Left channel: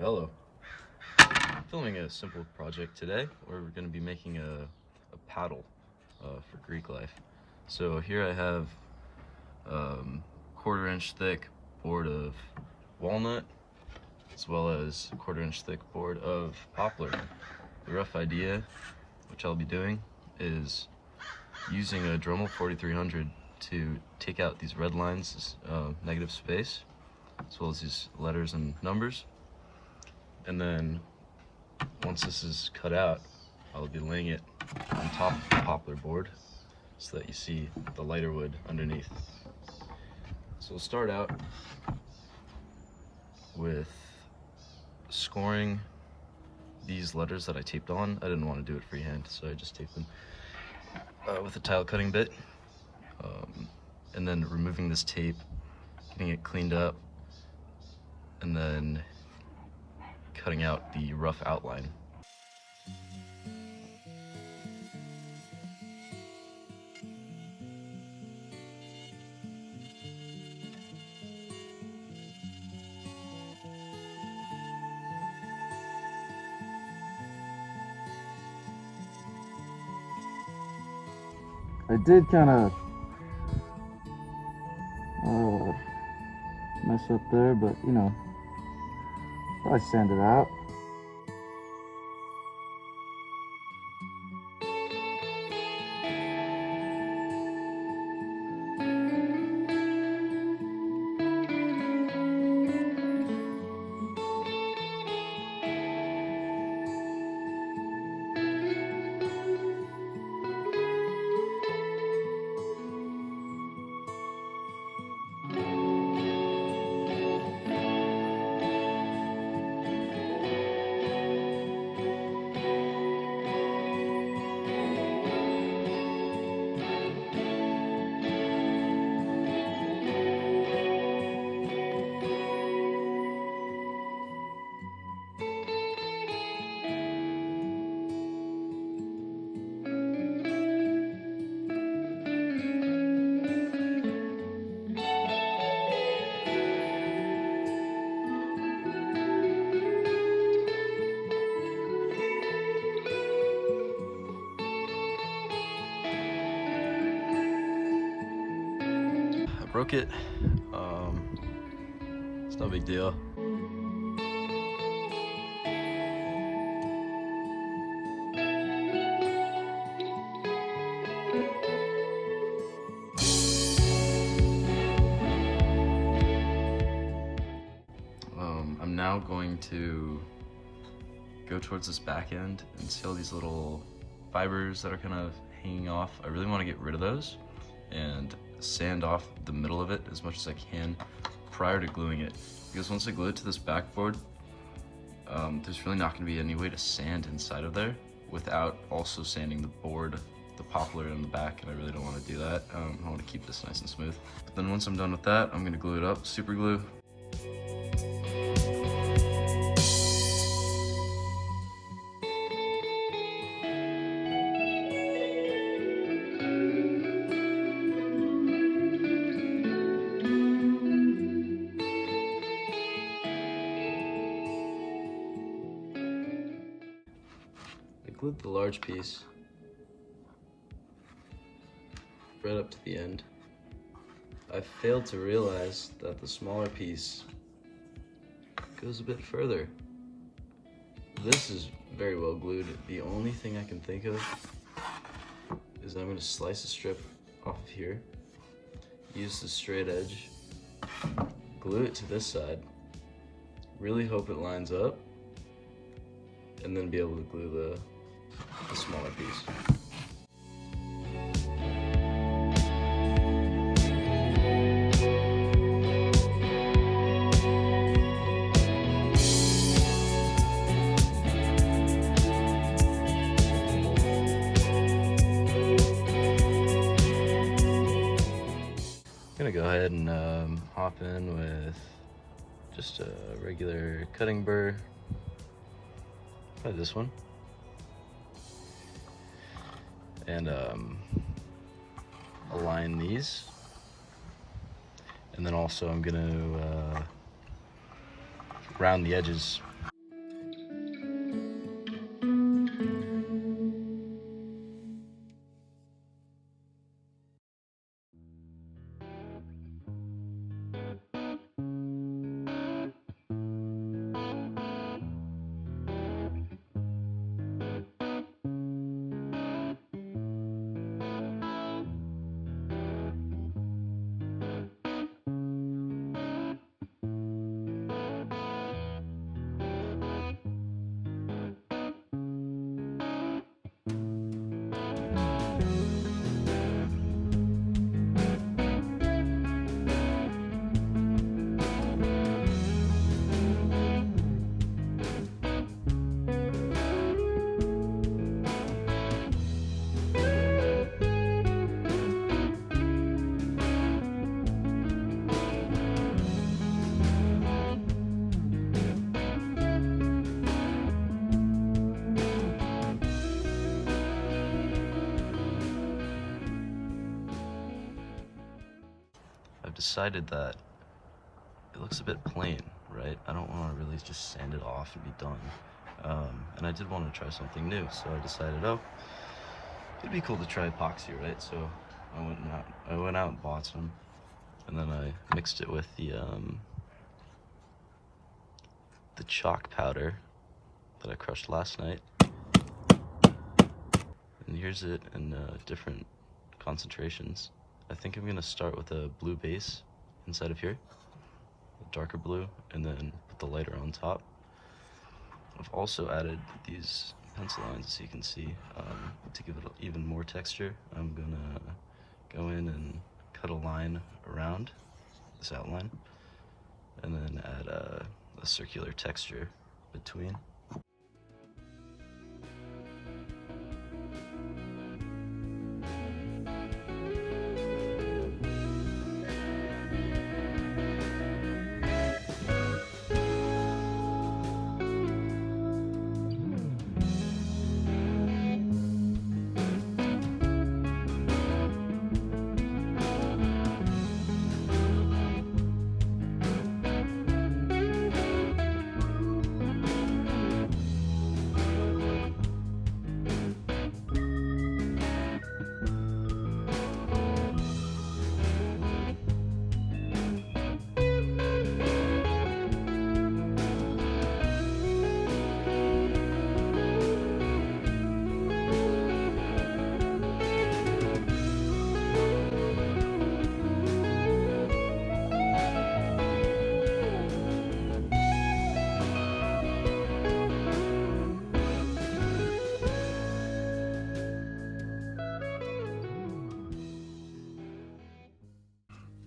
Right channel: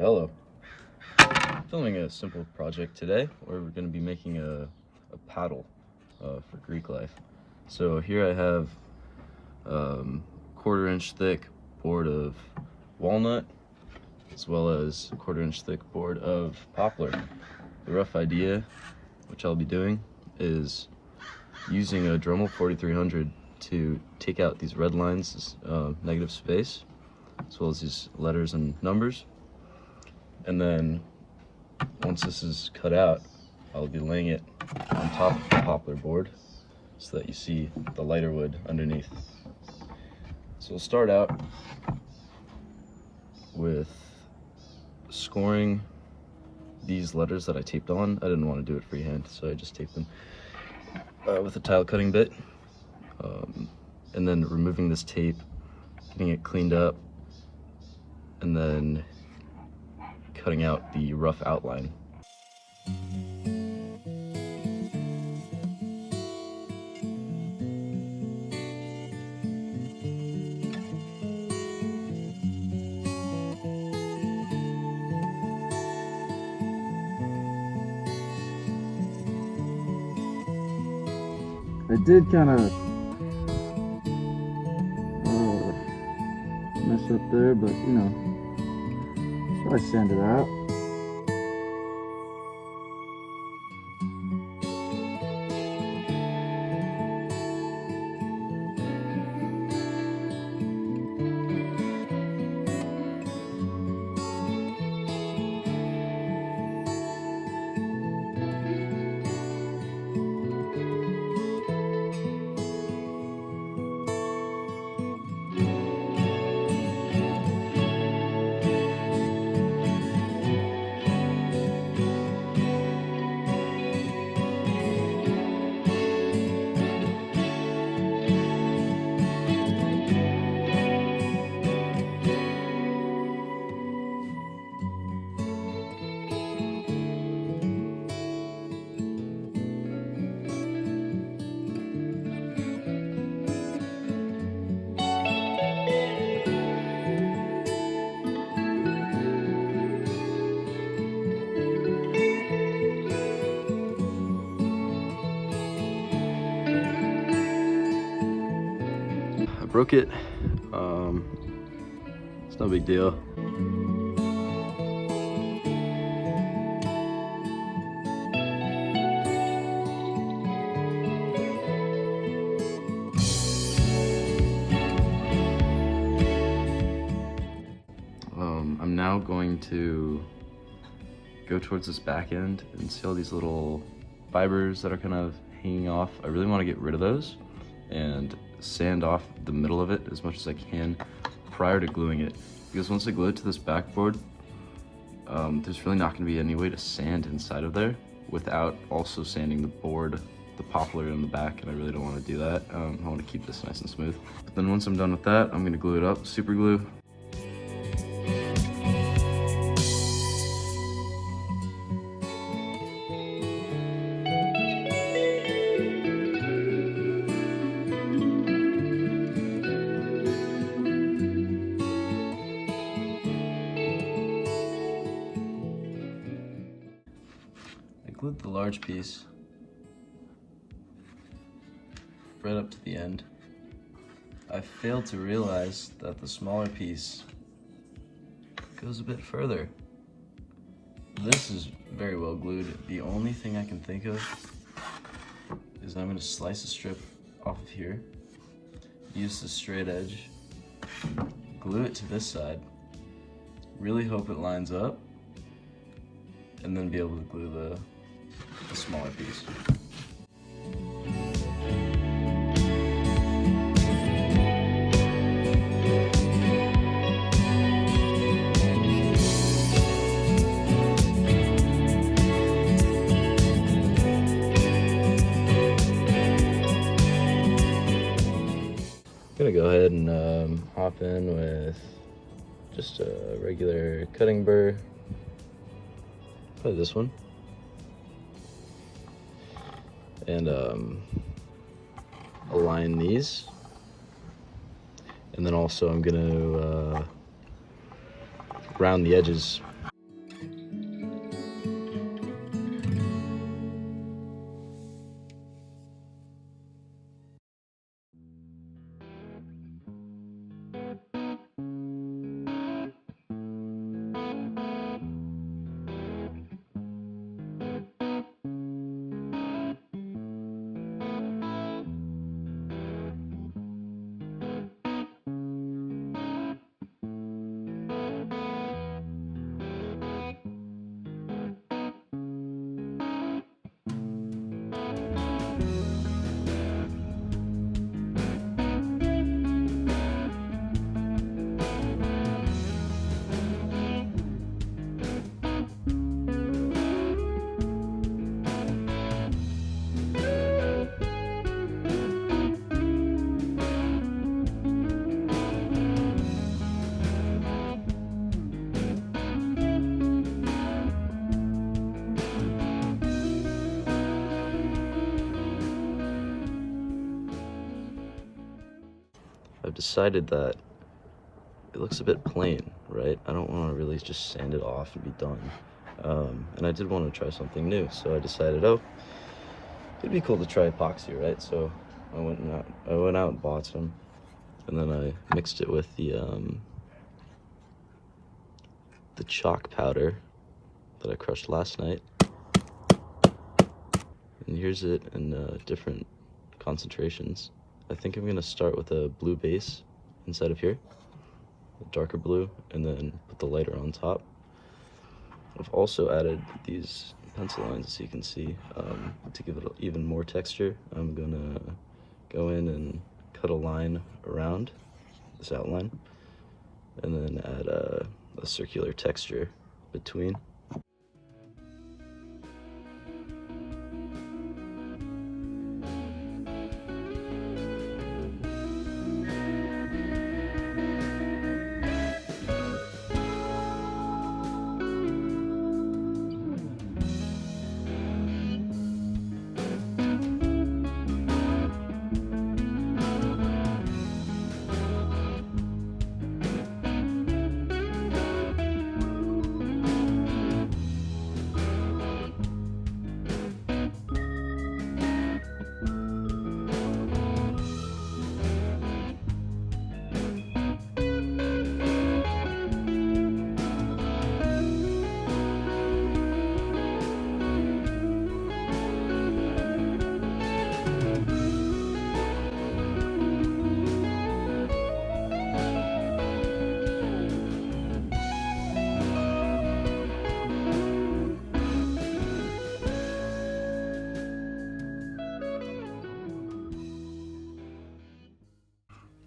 Hello. Filming a simple project today where we're going to be making a paddle for Greek life. So here I have 1/4 inch thick board of walnut as well as 1/4 inch thick board of poplar. The rough idea, which I'll be doing, is using a Dremel 4300 to take out these red lines, negative space, as well as these letters and numbers. And then once this is cut out, I'll be laying it on top of the poplar board so that you see the lighter wood underneath. So we'll start out with scoring these letters that I taped on. I didn't want to do it freehand, so I just taped them with a tile cutting bit. And then removing this tape, getting it cleaned up, and then cutting out the rough outline. I did kind of mess up there, but you know, I sand it out. Broke it. It's no big deal. I'm now going to go towards this back end and see all these little fibers that are kind of hanging off. I really want to get rid of those and sand off the middle of it as much as I can prior to gluing it, because once I glue it to this backboard, there's really not going to be any way to sand inside of there without also sanding the board, the poplar in the back, and I really don't want to do that. I want to keep this nice and smooth. But then once I'm done with that, I'm going to glue it up, super glue. Glued the large piece right up to the end. I failed to realize that the smaller piece goes a bit further. This is very well glued. The only thing I can think of is I'm going to slice a strip off of here, use the straight edge, glue it to this side, really hope it lines up, and then be able to glue the smaller piece. I'm gonna go ahead and hop in with just a regular cutting burr, probably this one. And align these, and then also I'm gonna round the edges decided that it looks a bit plain, right? I don't want to really just sand it off and be done. And I did want to try something new, so I decided, oh, it'd be cool to try epoxy, right? So I went out and bought some, and then I mixed it with the chalk powder that I crushed last night. And here's it in different concentrations. I think I'm gonna start with a blue base inside of here, a darker blue, and then put the lighter on top. I've also added these pencil lines, as you can see, to give it even more texture. I'm gonna go in and cut a line around this outline, and then add a circular texture between.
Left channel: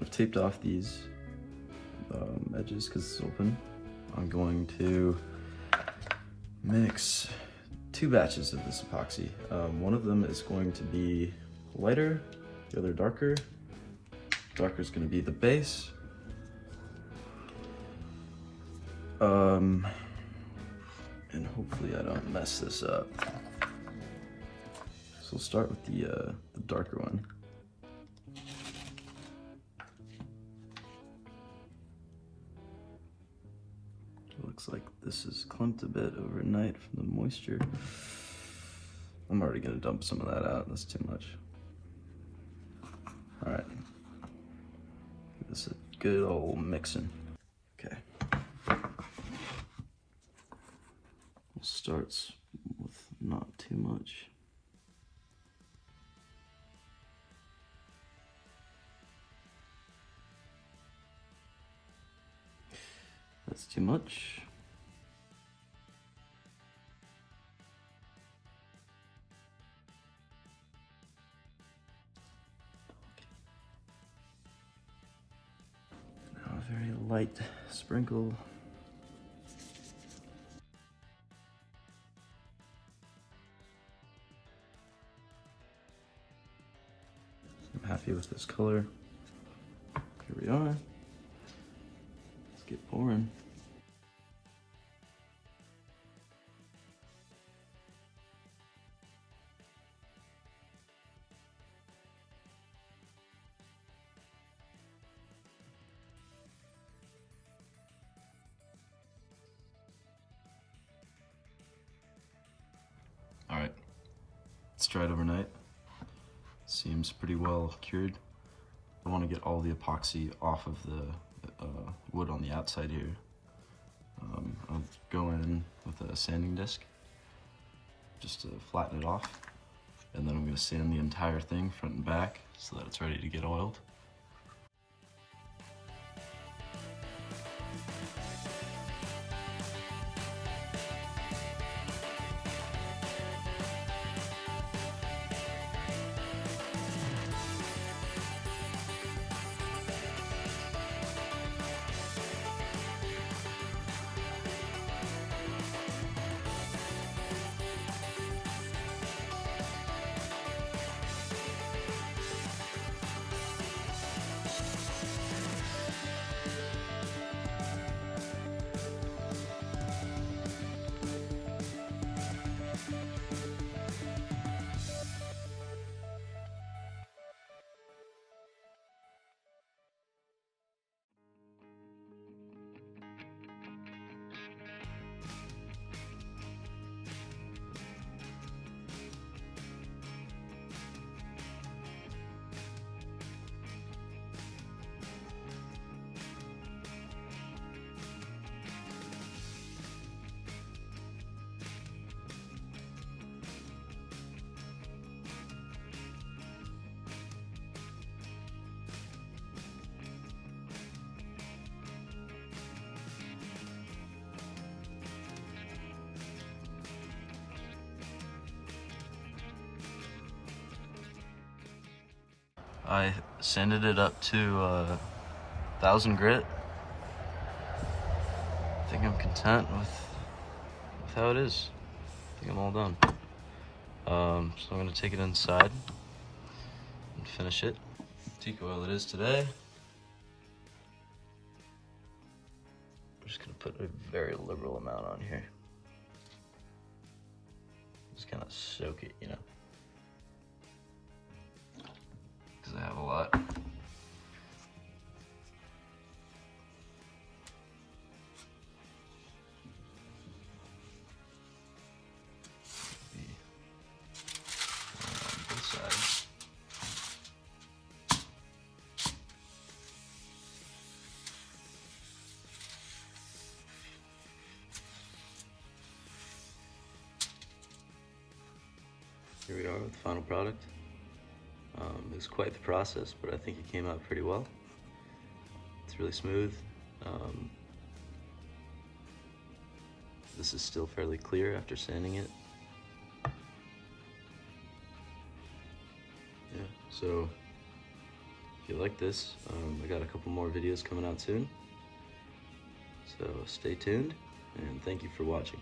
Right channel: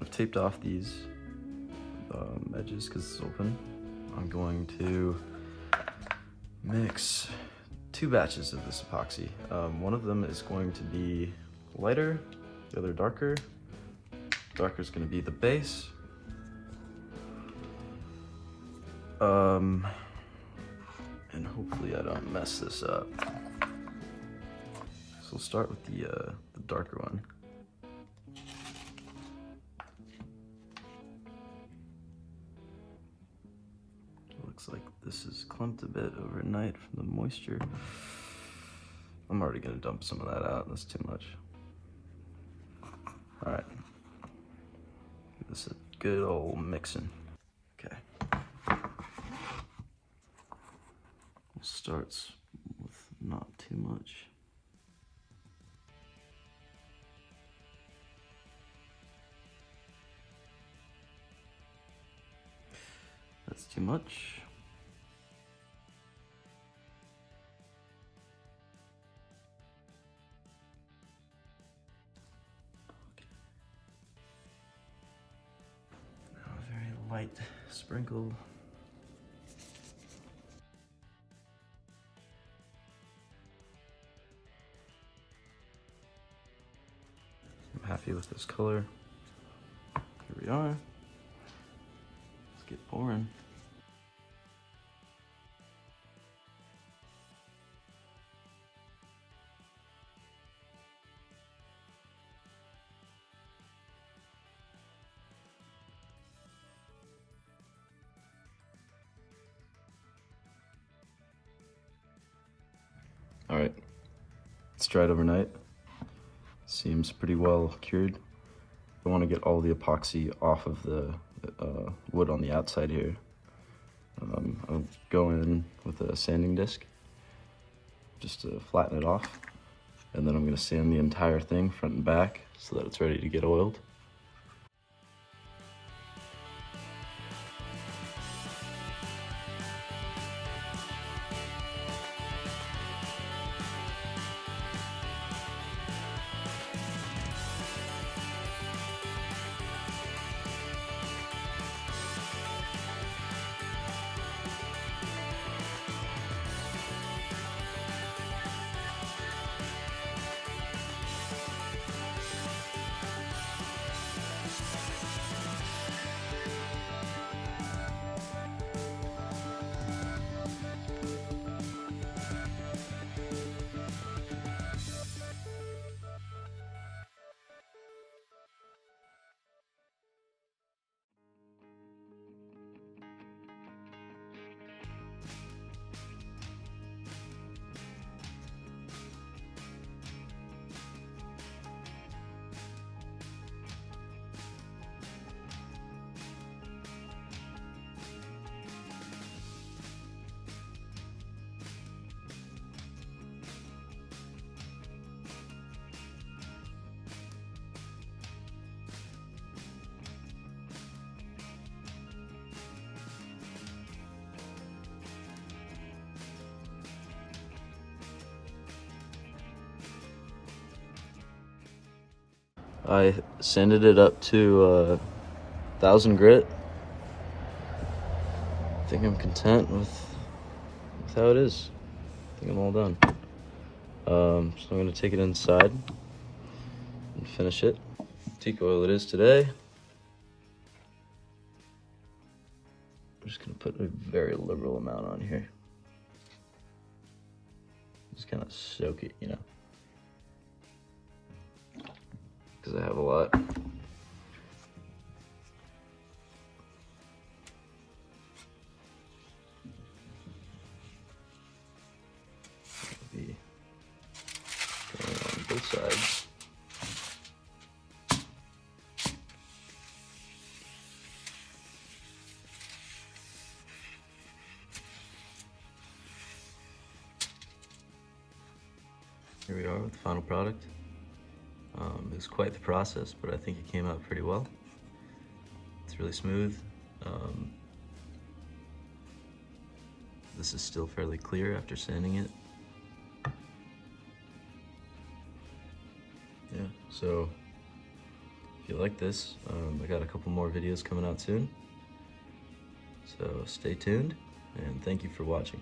I've taped off these edges because it's open. I'm going to mix 2 batches of this epoxy. One of them is going to be lighter, the other darker. Darker is going to be the base. And hopefully I don't mess this up. So we'll start with the darker one. Looks like this is clumped a bit overnight from the moisture. I'm already gonna dump some of that out, that's too much. All right, give this a good old mixing. Okay. We'll start with not too much. That's too much. Now a very light sprinkle. I'm happy with this color. Here we are. Let's get pouring. All right, it's dried overnight. Seems pretty well cured. I want to get all the epoxy off of the wood on the outside here. I'll go in with a sanding disc just to flatten it off, and then I'm going to sand the entire thing front and back so that it's ready to get oiled. I sanded it up to 1000 grit. I think I'm content with how it is. I think I'm all done. So I'm gonna take it inside and finish it. Teak oil it is today. I'm just gonna put a very little amount on here. Just kind of soak it, you know, because I have a lot. On both sides. Here we are with the final product. It was quite the process, but I think it came out pretty well. It's really smooth. This is still fairly clear after sanding it. Yeah, so if you like this, I got a couple more videos coming out soon. So stay tuned, and thank you for watching.